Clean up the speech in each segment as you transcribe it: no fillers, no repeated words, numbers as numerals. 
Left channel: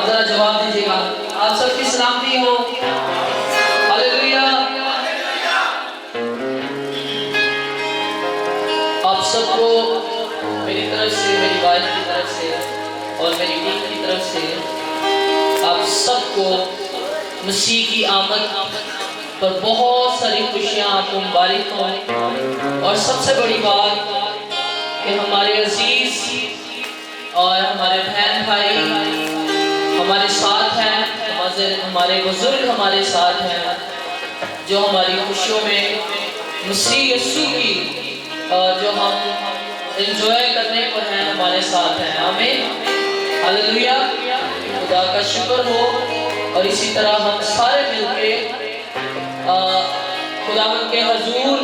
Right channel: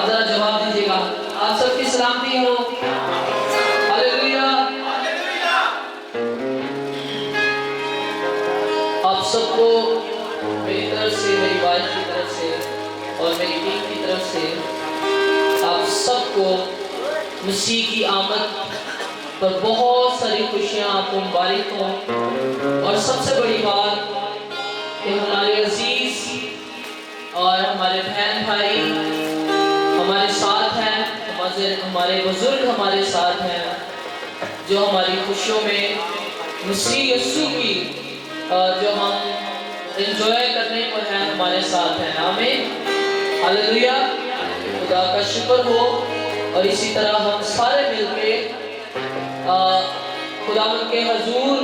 आप जरा जवाब दीजिएगा। आप सबकी सलामती हो। हालेलुया। आप सबको मेरी तरफ से, मेरी वाइफ की तरफ से और मेरी टीम की तरफ से आप सबको मसीह की आमद पर बहुत सारी खुशियां आपको मुबारक हो। और सबसे बड़ी बात कि हमारे अजीज और हमारे बहन भाई हमारे साथ हैं, हमारे बुजुर्ग हमारे साथ हैं, जो हमारी खुशियों में मसीह यीशु की जो हम एंजॉय करने पर हैं हमारे साथ हैं। आमीन, हालेलुया। खुदा का शुक्र हो। और इसी तरह हम सारे मिलके खुदावंद के हुजूर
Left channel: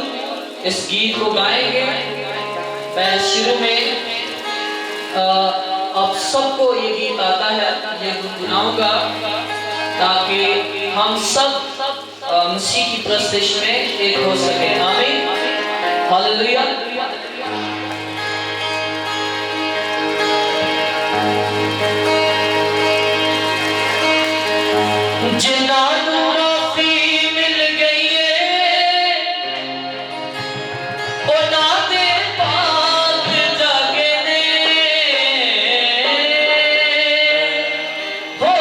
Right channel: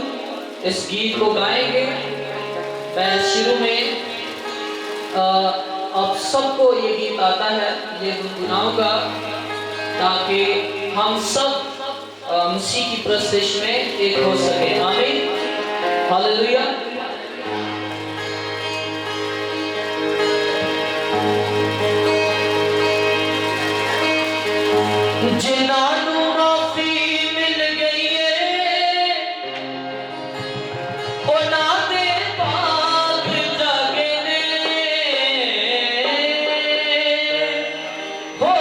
इस गीत को गाएंगे। मैं शुरू में आप सबको ये गीत आता है, ये गुनगुनाऊंगा ताकि हम सब मसीह की प्रस्तिश में एक हो सके। आमीन, हालेलुया। जिन्हानू माफी मिल गई है उन्हां दे पाक जागे ने हो।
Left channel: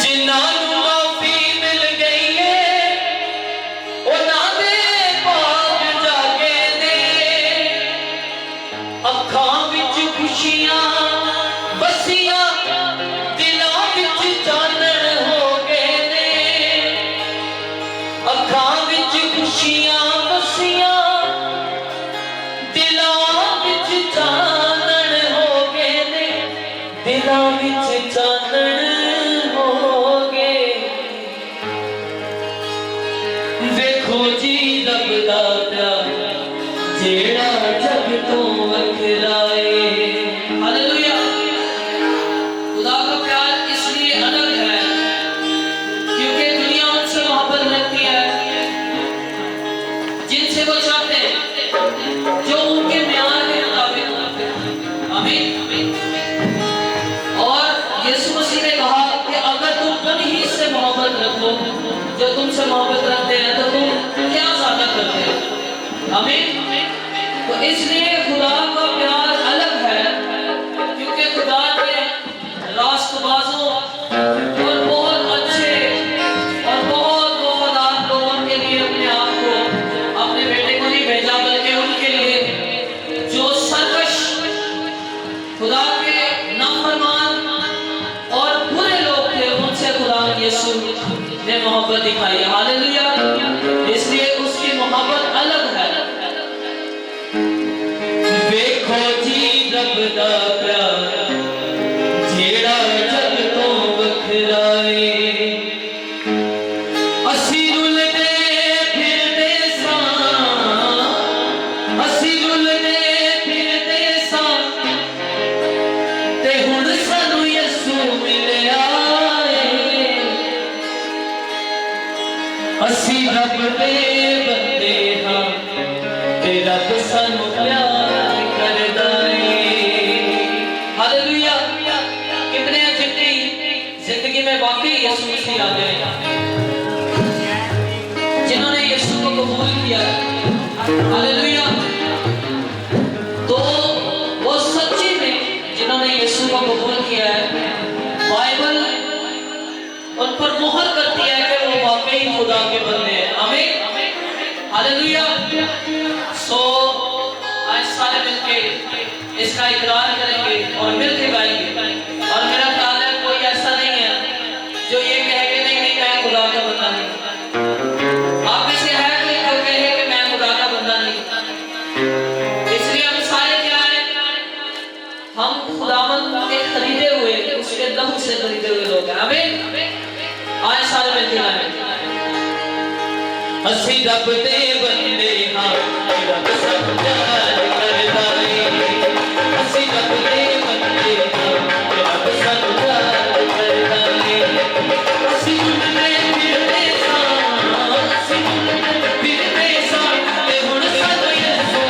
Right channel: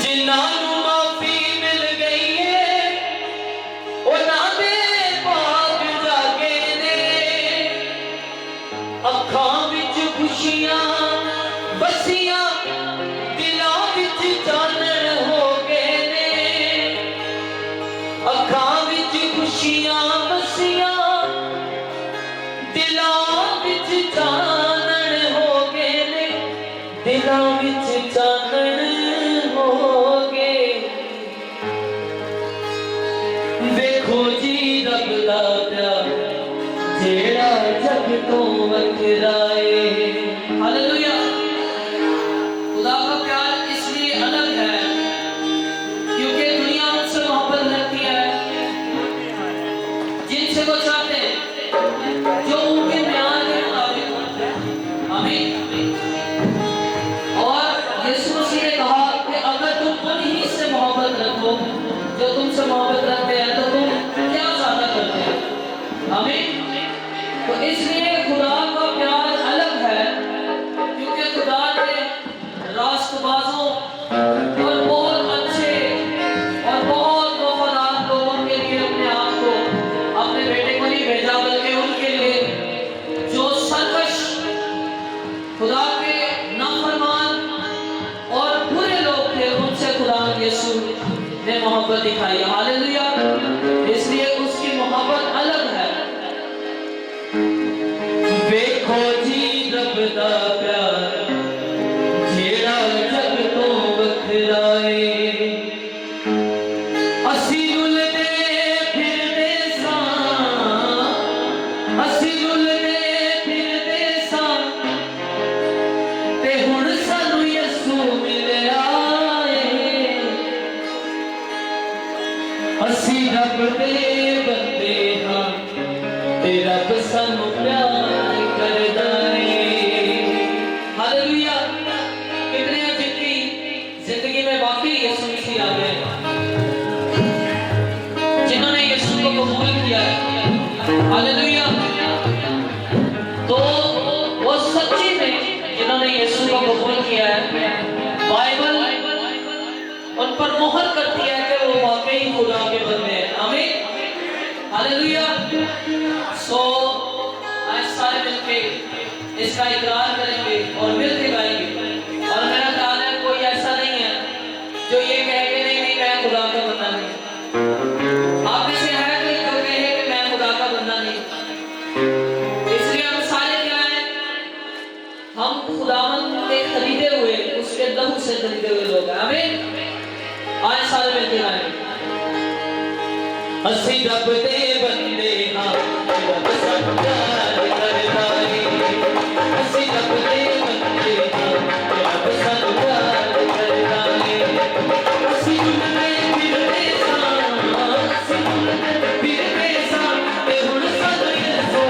जिन्हानू माफी मिल गई है उन्हां दे पाक जागे ने। अखां विच खुशियां बसियां दिलां विच चानण हो गए ने। अखां विच खुशियां बसियां दिलां विच चानण हो गए ने। दिलां विच चानण हो गए। देखो जी रब दा प्यार जेड़ा जग तो वखरा है। हालेलुया। खुदा का प्यार इसलिए अलग है क्योंकि दुनिया उनसे मोहब्बत रखती है जिनसे वो चाहते हैं, जो उनके म्यार के मुताबिक होते हैं। आमीन। और यीशु मसीह ने कहा कि अगर तुम उन्हीं से मोहब्बत रखो जो तुमसे मोहब्बत रखते हैं तो तुम क्या ज्यादा करते हो। आमीन। तो इसलिए खुदा का प्यार अलग है क्योंकि खुदा ने रास्तबाजों और बहुत अच्छे और बहुत वफादार लोगों के लिए अपने आप को, अपने बेटे को नहीं भेजा बल्कि उनके लिए जो सरकश, खुदा के नाफरमान और बुरे लोग थे, उनसे खुदा यीशु ने मोहब्बत दिखाई। हालेलुया। इसलिए उसकी मोहब्बत अलग है। देखो जी रब दा प्यार जेड़ा जग तो वखरा है। असी रुलदे फिरदे सां, असी रुलदे फिरदे सां ते हुण सानू यीशु मिलिया है। असी रब दे बंदे हां ते रब सानू प्यार करदा है। हालेलुया। कितने जिंदगी में वाकई यीशु मसीह आ गए जिन्होंने यीशु को कबूल किया। हालेलुया। तो वो सच्ची में जिन्होंने यीशु को कबूल किया है, बाइबल उन पर मोहर करती है कि वो वाकई खुदा के बंदे हैं। आमीन, हालेलुया। सो आज सारे मिलके इसका इकरार करेंगे और मिलके गाएंगे। और मेरा ख्याल है कोई ऐसा नहीं है जो ये कहे कि नहीं नहीं मैं खुदा का बंदा नहीं। आप में से है कोई जो कहे कि मैं खुदा का बंदा नहीं। इसलिए हम सारे क्या हैं, हम खुदावंद के खरीदे हुए, उसके दम से खरीदे हुए लोग हैं। आमीन। आज सारे मिलके गाएंगे। असी रब दे बंदे हां रब सानू प्यार करदा है। असी रब दे बंदे हां रब सानू प्यार करदा है। असी रुलदे फिरदे सां, असी रुलदे फिरदे सां ते हुण सानू यीशु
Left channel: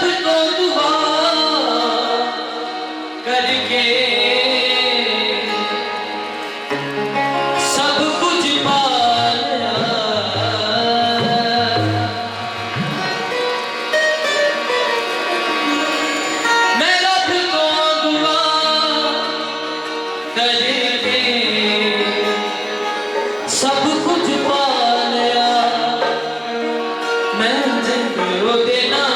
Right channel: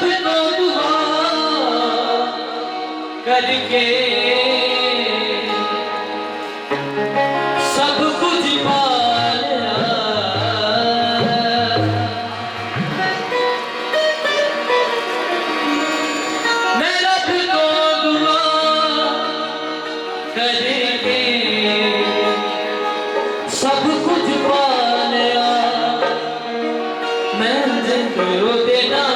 रब को दुआ करके सब कुछ पा लिया। मैं रब को दुआ करके सब कुछ पा लिया। मैं जिनको देना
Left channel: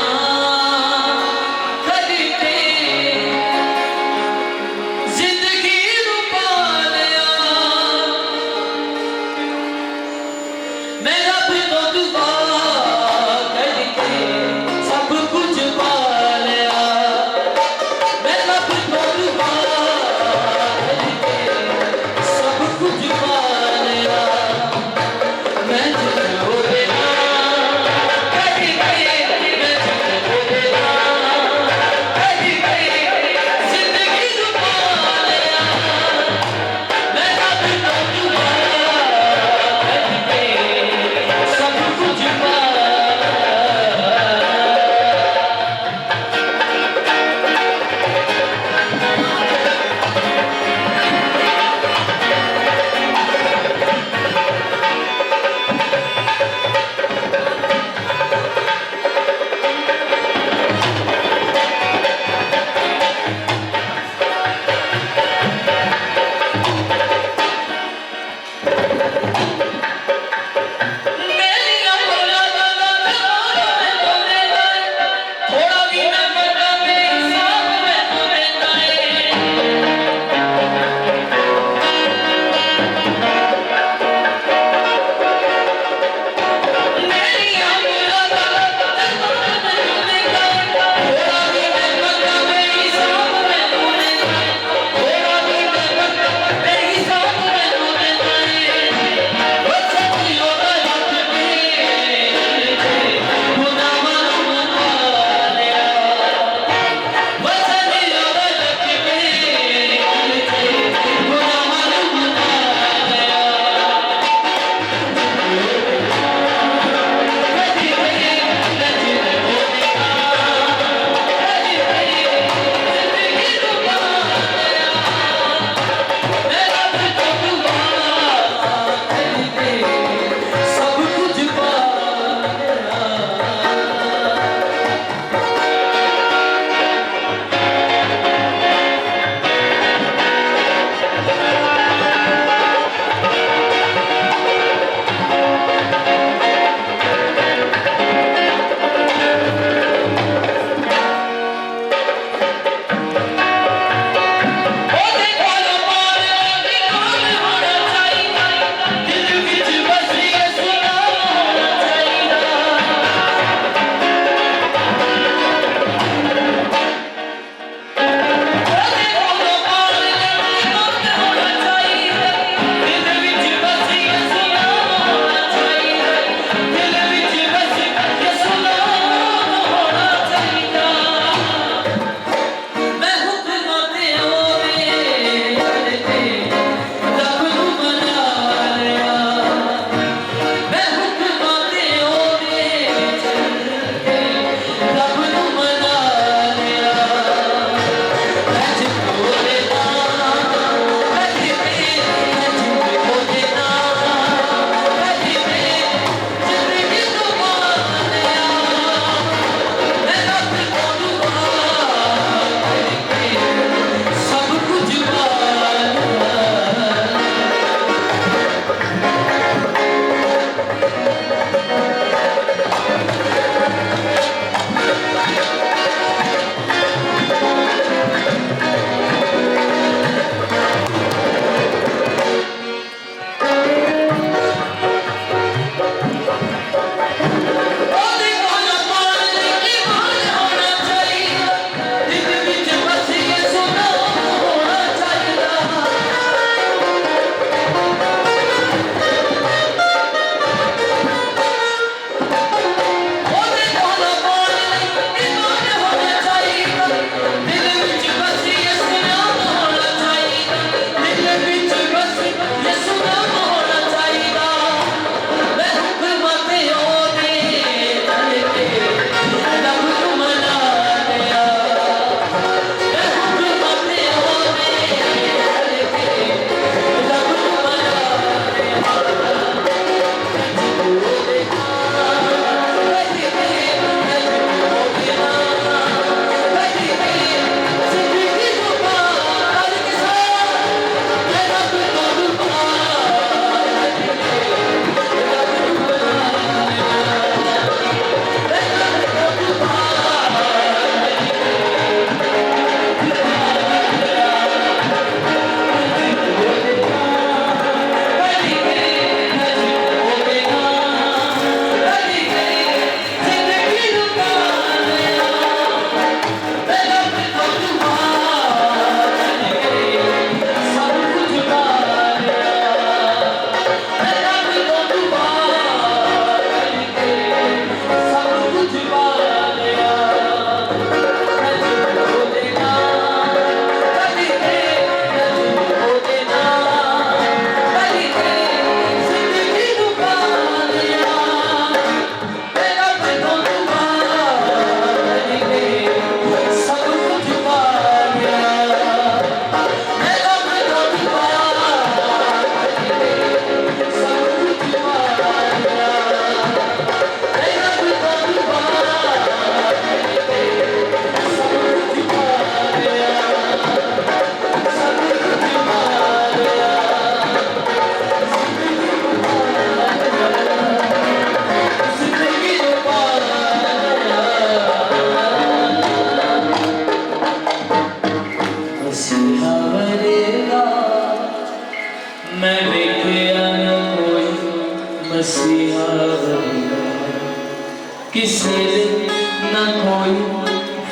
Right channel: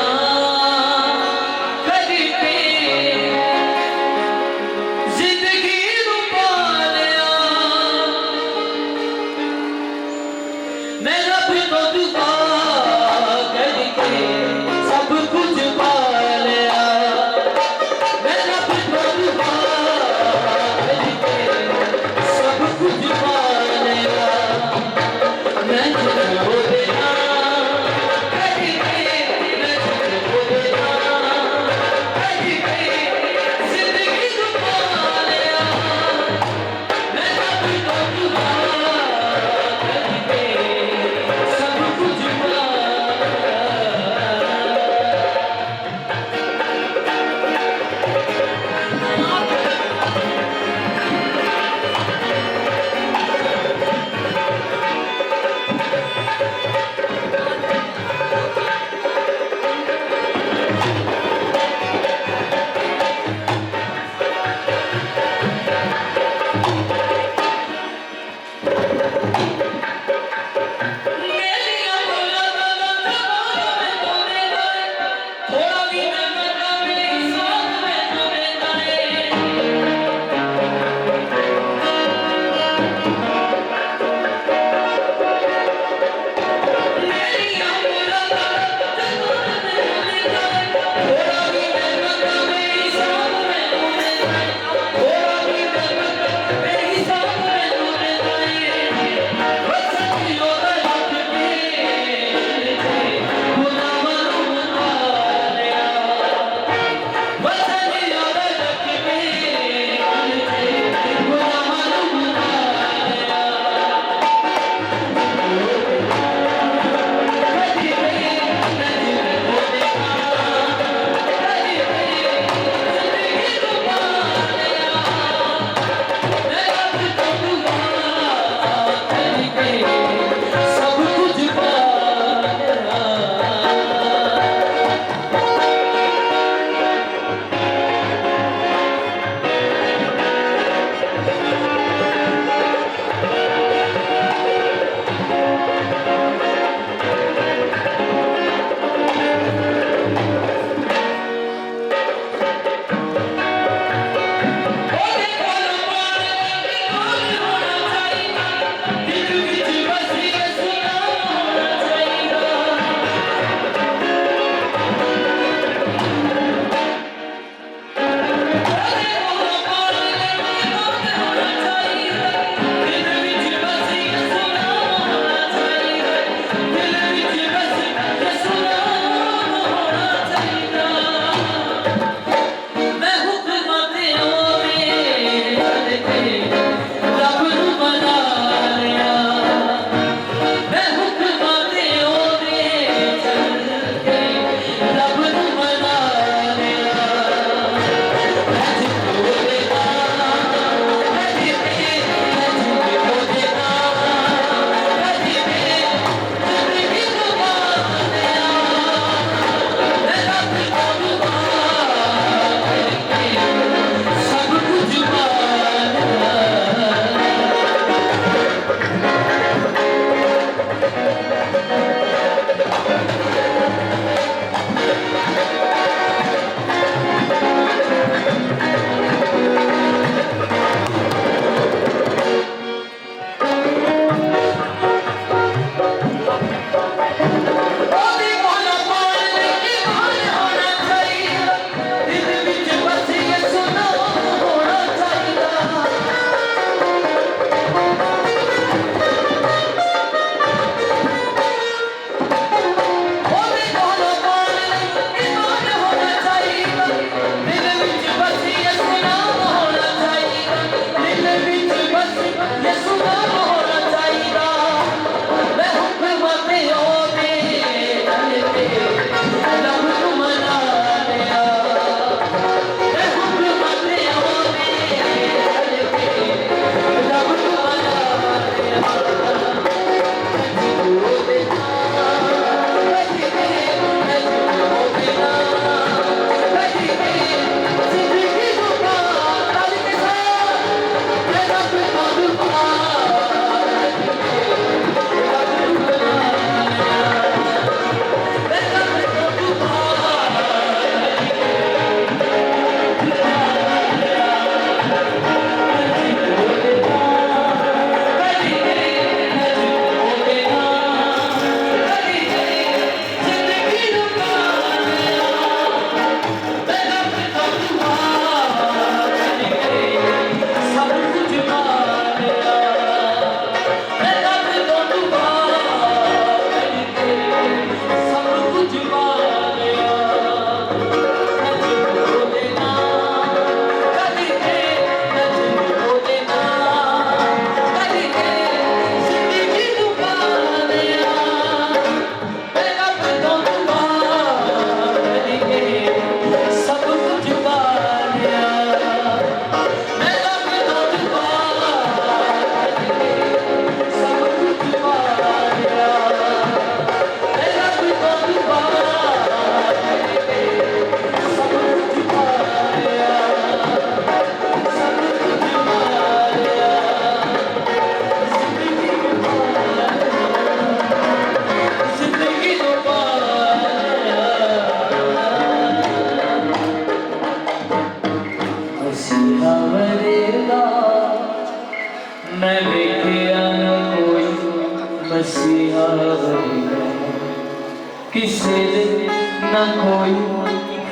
कोई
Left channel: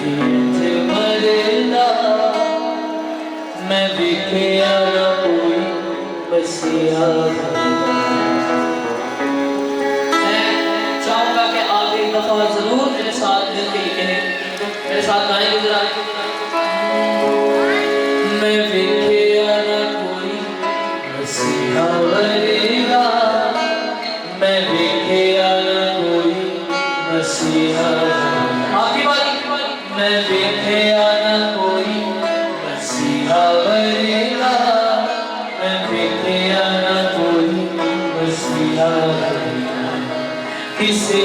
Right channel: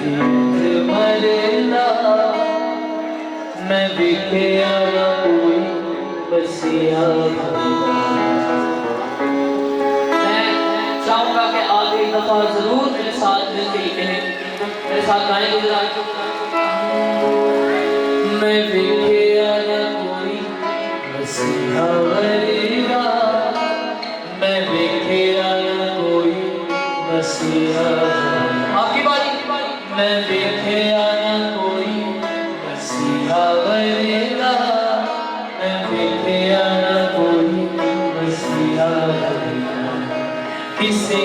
इंज मरेला मैं विखिया ना कोई बसिया मैं चाहूंगा कि आप एक दफा जरूर मेरे साथ मिलकर कहें मेरे साथ गाएंगे जरा मैं विखिया ना कोई बसिया मरेला मैं विखिया ना कोई बसिया आपकी बारी मैं विखिया ना कोई बसिया मरेला मैं विखिया ना कोई बसिया किसी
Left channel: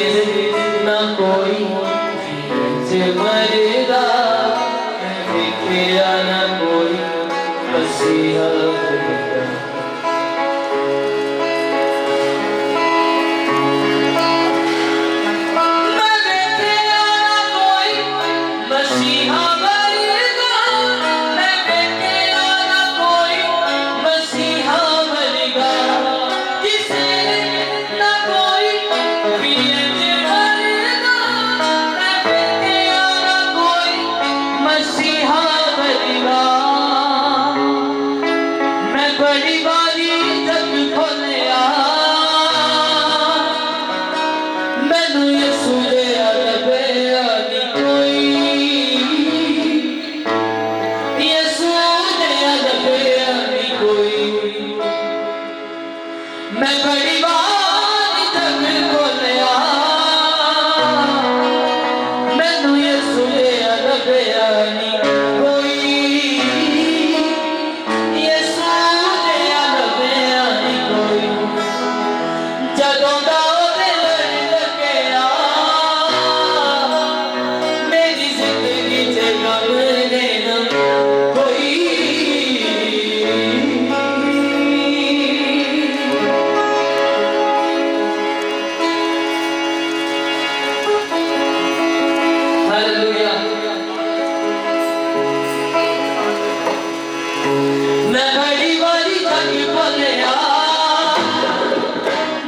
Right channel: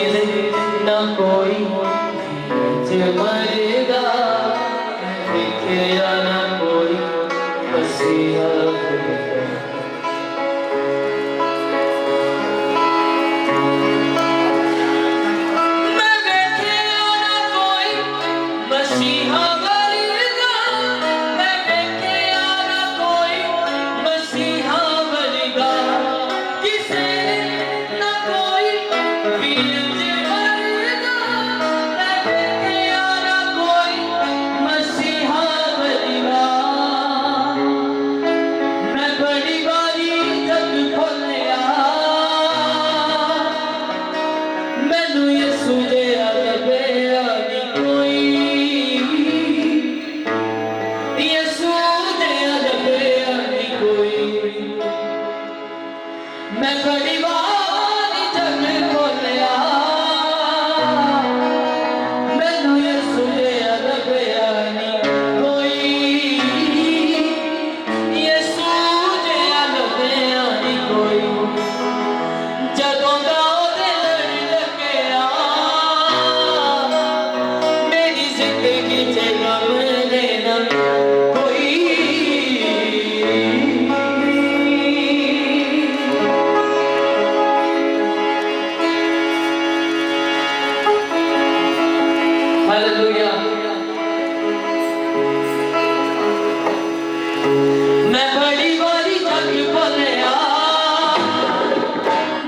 ना कोई मरेगा मैं विखिया ना कोई बसिया मैं बड़ी बारी जग खोलिया मैनू यसू दे लभया नी कोई यसू दे लभया नी कोई जदों दा ओदे लड़ लगया मेरी जिंदगी च गम देना कोई मैं बड़ी बारी जग खोलिया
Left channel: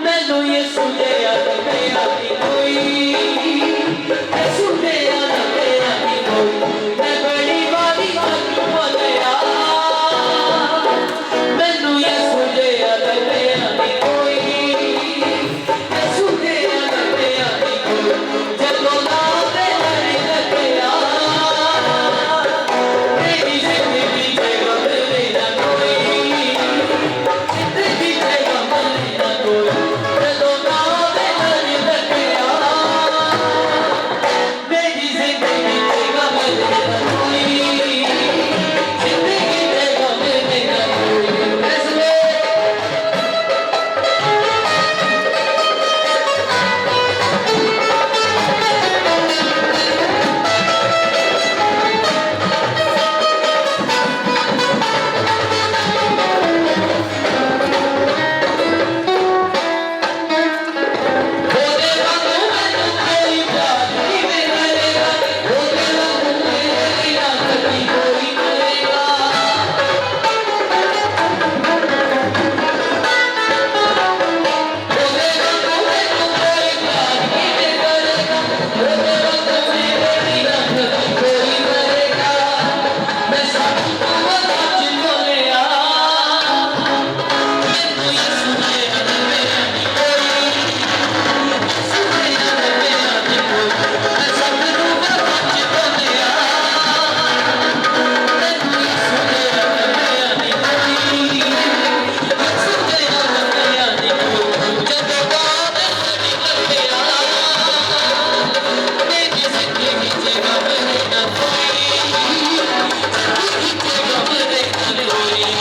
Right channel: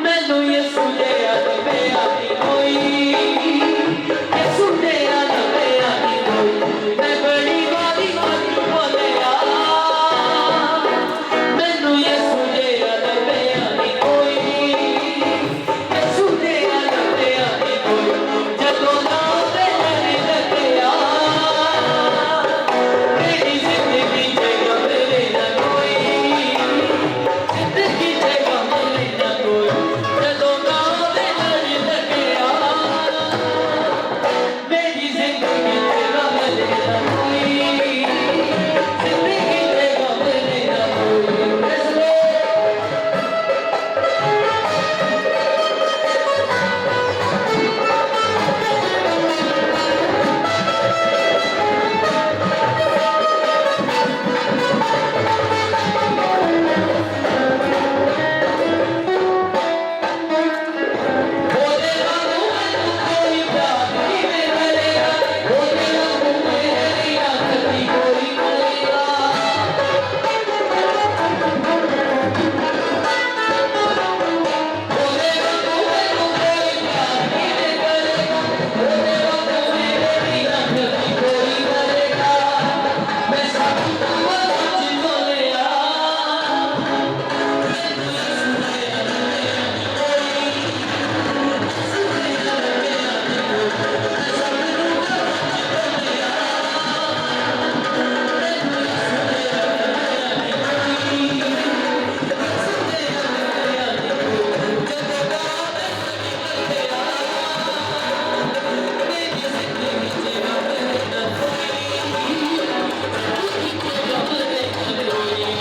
मैनू यसू दे लभया नी कोई यसू दे लभया नी कोई मैं बड़ी बारी जग खोलिया मैनू यसू दे लभया नी कोई यसू दे लभया नी कोई जदों दा ओदे लड़ लगया मेरी जिंदगी च गम लेना कोई जिंदगी च गम लेना कोई जदों दा ओदे लड़ लगया मेरी जिंदगी च गम लेना कोई जिंदगी च गम लेना कोई फैसले ओदे वांगू मैनू कोई प्यार नहीं मिलेगा ओदे वांगू मेरी याद नहीं कोई करेगा ओदे वांगू मैनू कोई प्यार नहीं करेगा ओदे वांगू मेरी याद नहीं कोई करेगा मैं सब तो सच बोलिया मैनू यसू दे लभया नी कोई यसू दे लभया नी कोई मैं सब तो सच बोलिया मैनू यसू दे लभया नी कोई यसू दे लभया नी कोई जदों दा ओदे लड़ लगया मेरी जिंदगी च गम लेना कोई जिंदगी च गम लेना कोई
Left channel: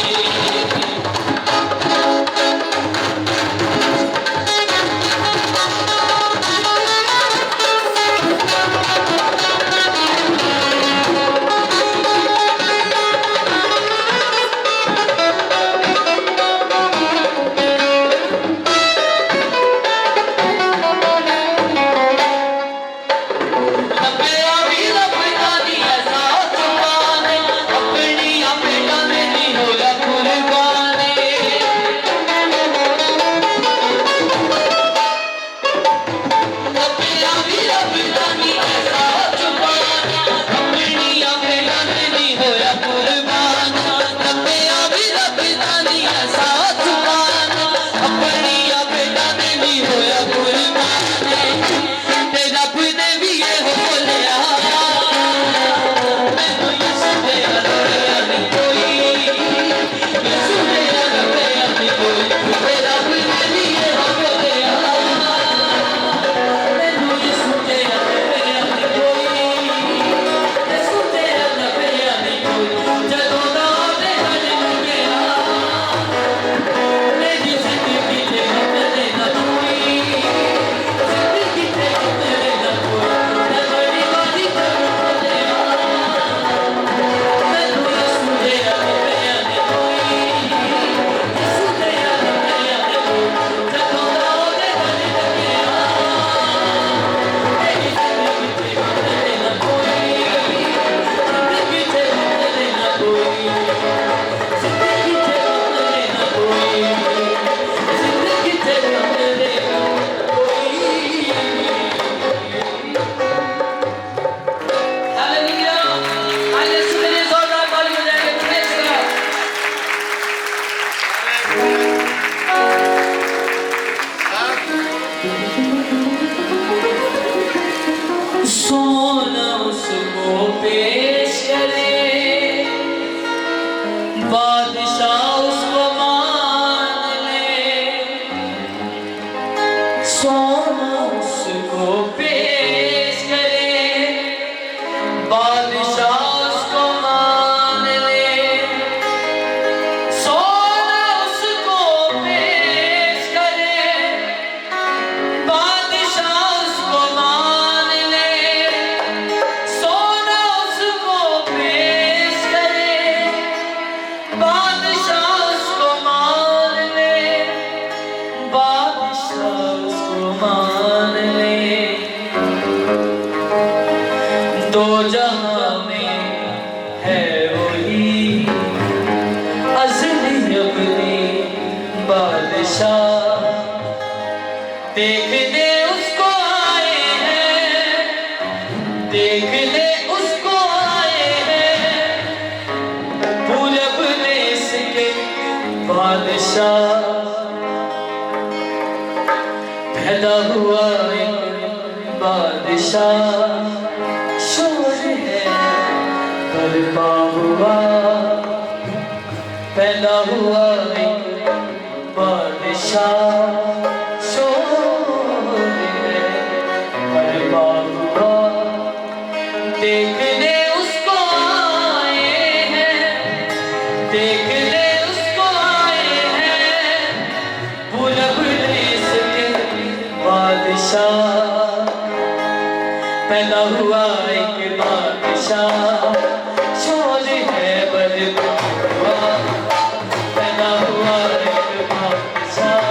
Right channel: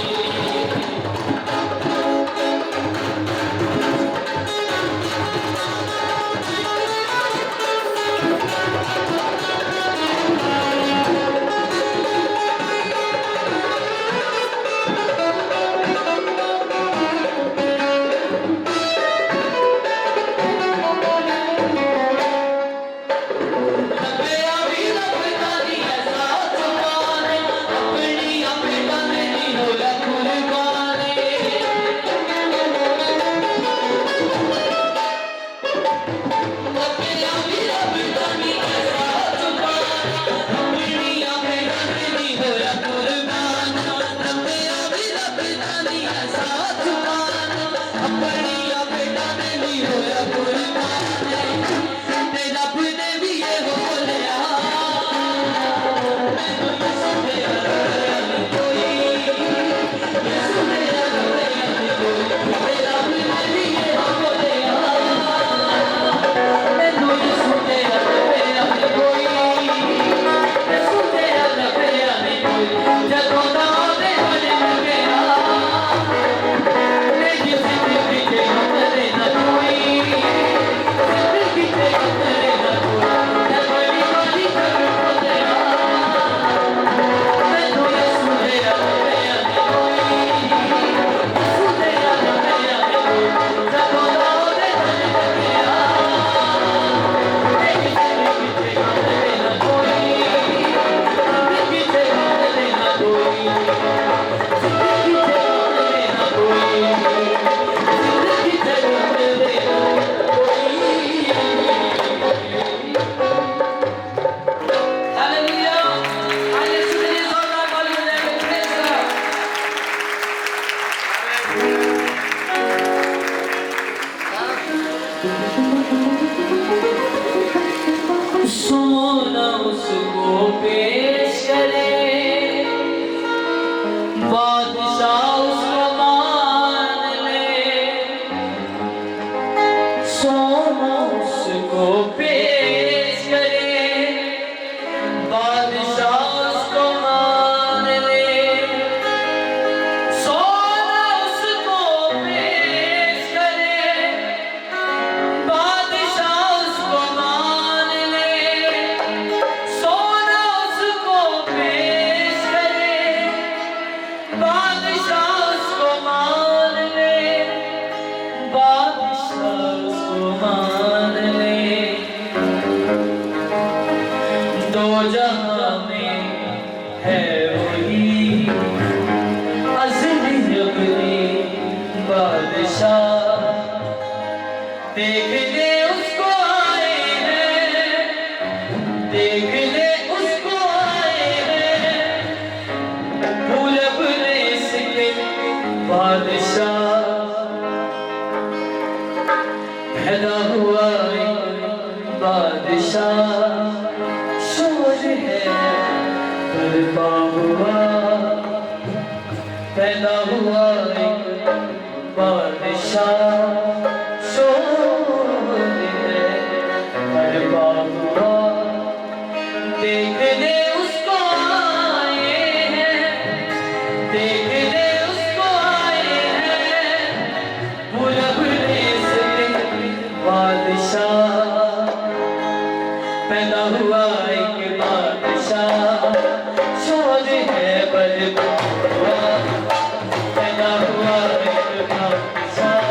लभया भी दो जहां में है वही असली अपनी बादशाह। देखने उसको आए हैं, देखने उसको आए हैं, भूल अपने इसके बादशाह। पैदा हुआ एक बादशाह, शोर है बर्पा हुआ। पैदा हुआ एक बादशाह, शोर है बर्पा हुआ। देखने उसको आए हैं, देखने उसको आए हैं, भूल भूले इसके बादशाह। पैदा हुआ एक बादशाह, शोर है बर्पा हुआ। पैदा हुआ एक बादशाह,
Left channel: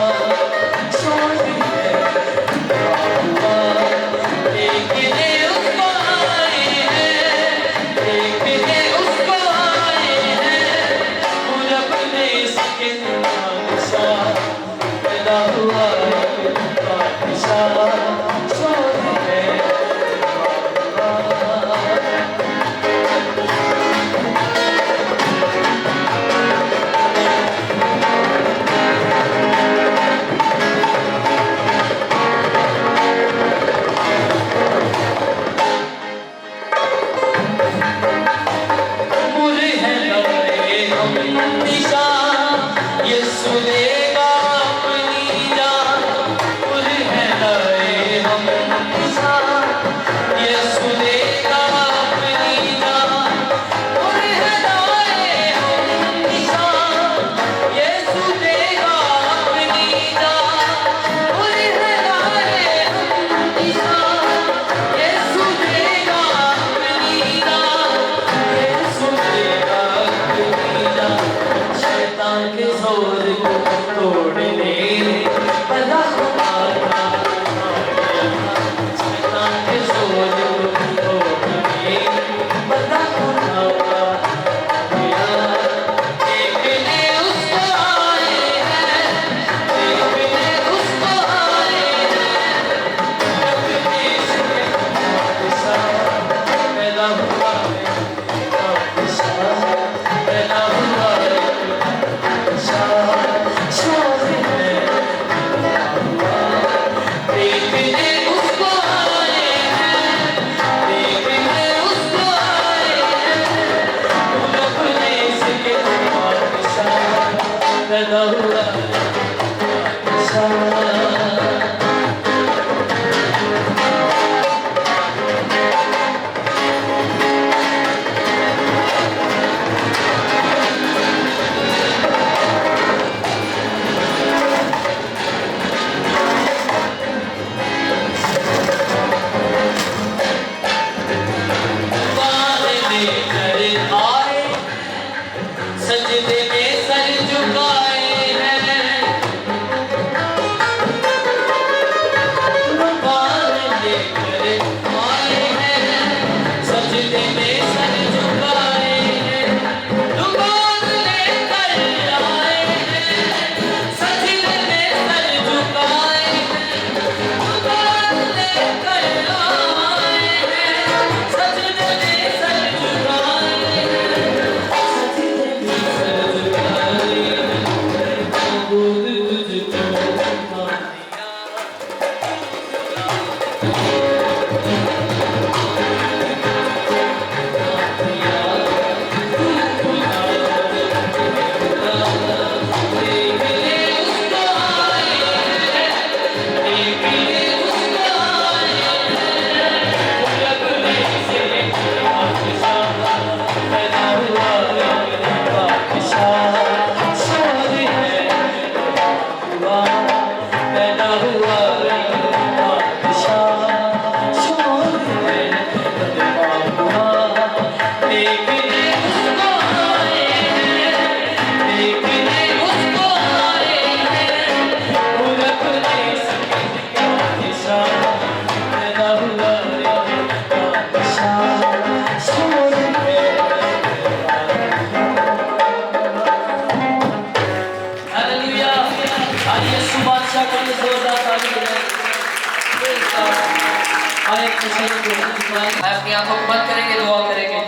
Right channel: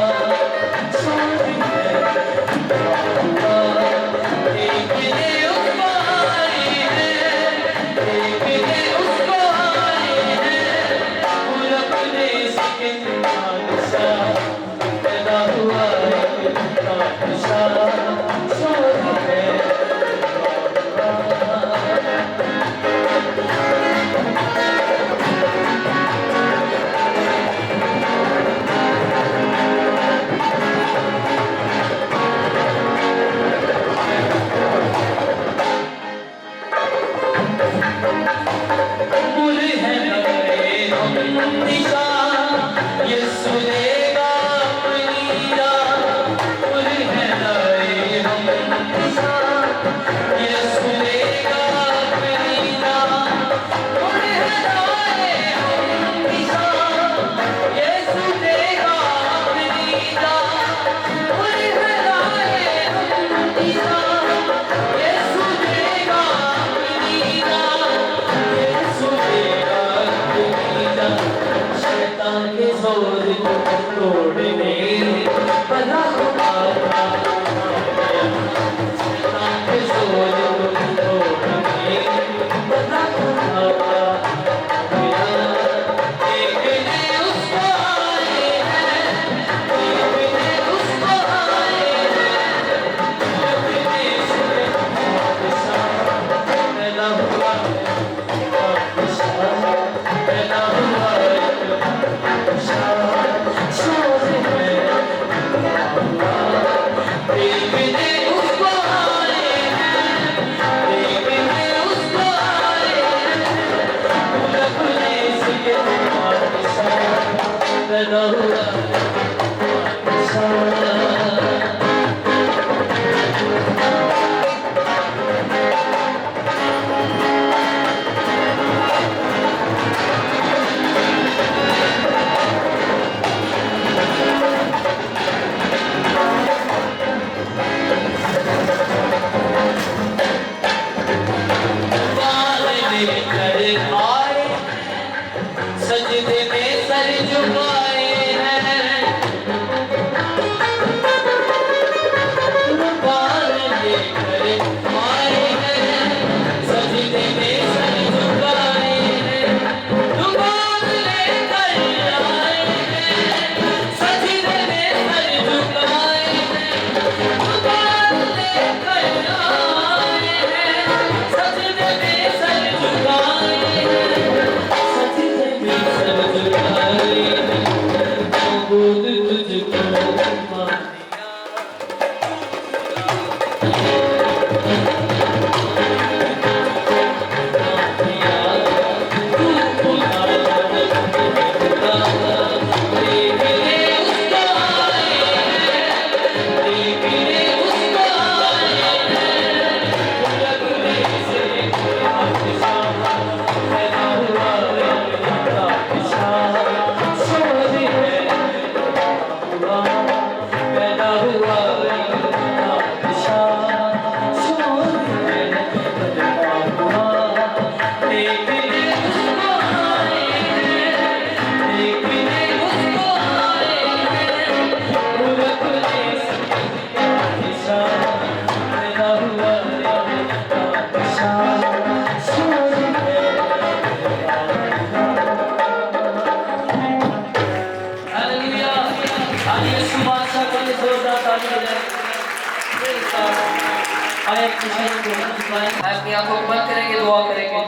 आए अपनी आंखों को बंद करेंगे, दुआ करेंगे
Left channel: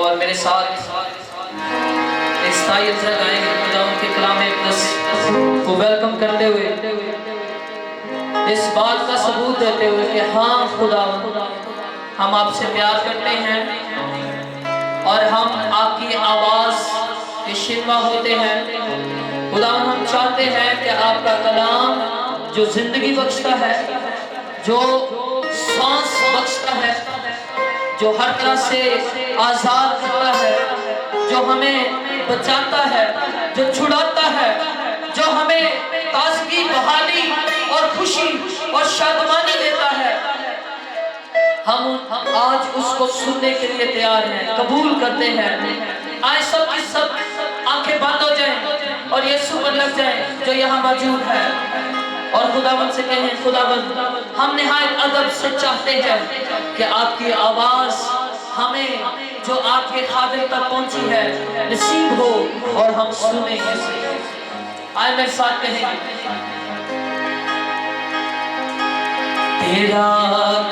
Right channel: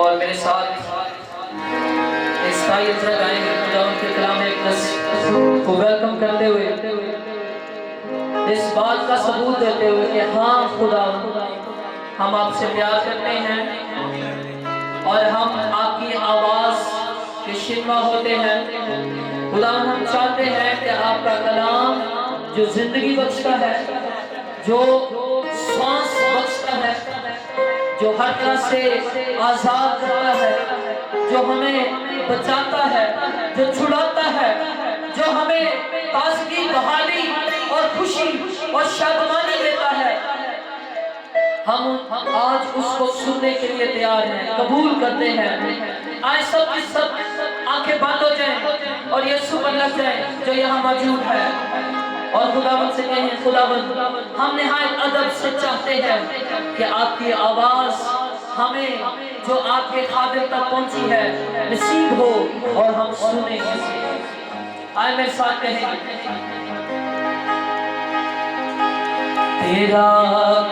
और मेरे साथ स्थायी इज्जत आएंगे खुदा उनके कलाम मुक़द्दस को वेलकम करते हुए, इस बात का सबूत देते हुए कि हाँ खुदा हम आपसे प्यार करते हैं और हम आपकी आवाज़ के शिकवा होते हैं। खुदा हम चाहते हैं कि आपका कलाम जो जिंदगी बख्शता है, जो सांस बख्शता है, जो हर तरह से आज़ाद करता है, जो हमें बचाता है, जो छुड़ाता है, जो हमें ताज़गी, बहाली और खुशी और शादमानी देता है, हम आज उसको सुनने के लिए तैयार हैं, कबूल करते हैं। आए सब की सब आंखें बंद हो जाएं और यीशु पर लग जाएं जो यहाँ मौजूद है और खुदावंद से कहें, खुदावंद हम निहायत अदब से चाहते हैं कि आपकी आवाज़ हमें जो आपके खादिर तक पहुंची है नसीब हो और हम सुने। आए मेरे साथ कहें, तेरा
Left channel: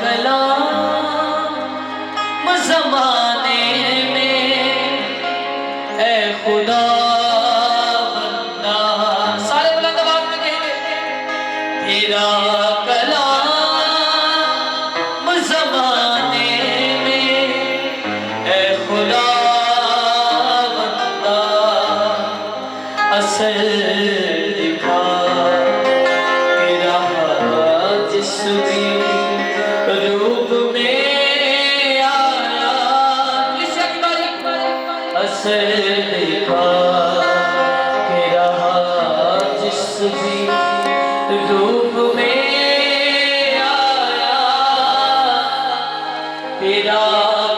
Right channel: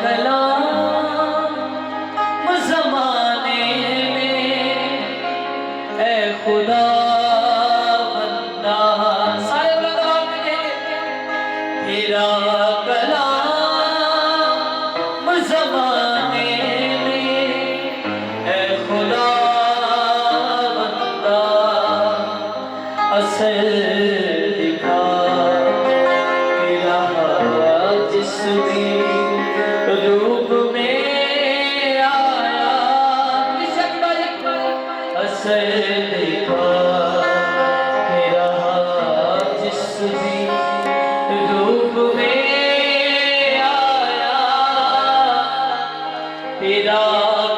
कलाम ज़माने में ऐ खुदा बंदा, सारे बुलंद आवाज़ में कहेंगे, तेरा कलाम ज़माने में ऐ खुदा बंदा असर दिखा तेरा जिस्म रूप में आया, असर दिखा तेरा जिस्म रूप में आया, तेरा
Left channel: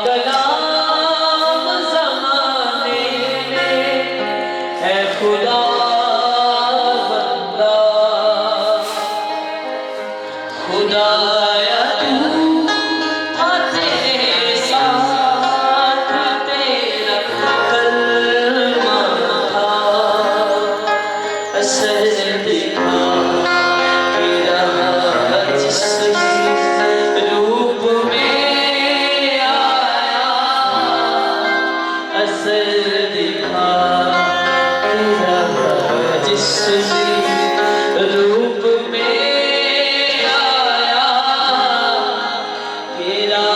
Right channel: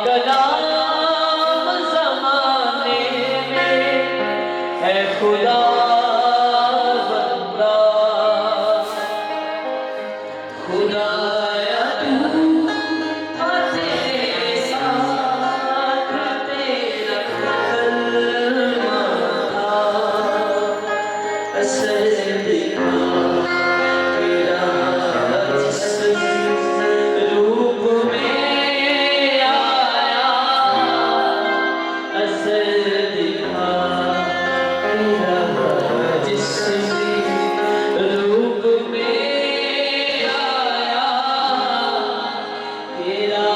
कलाम ज़माने में है खुदा बंदा, खुदाया तू तेरे साथ तेरा कलमा था, असर दिखा तेरा जिस्म रूप में आया, असर दिखा तेरा जिस्म रूप में आया, तेरा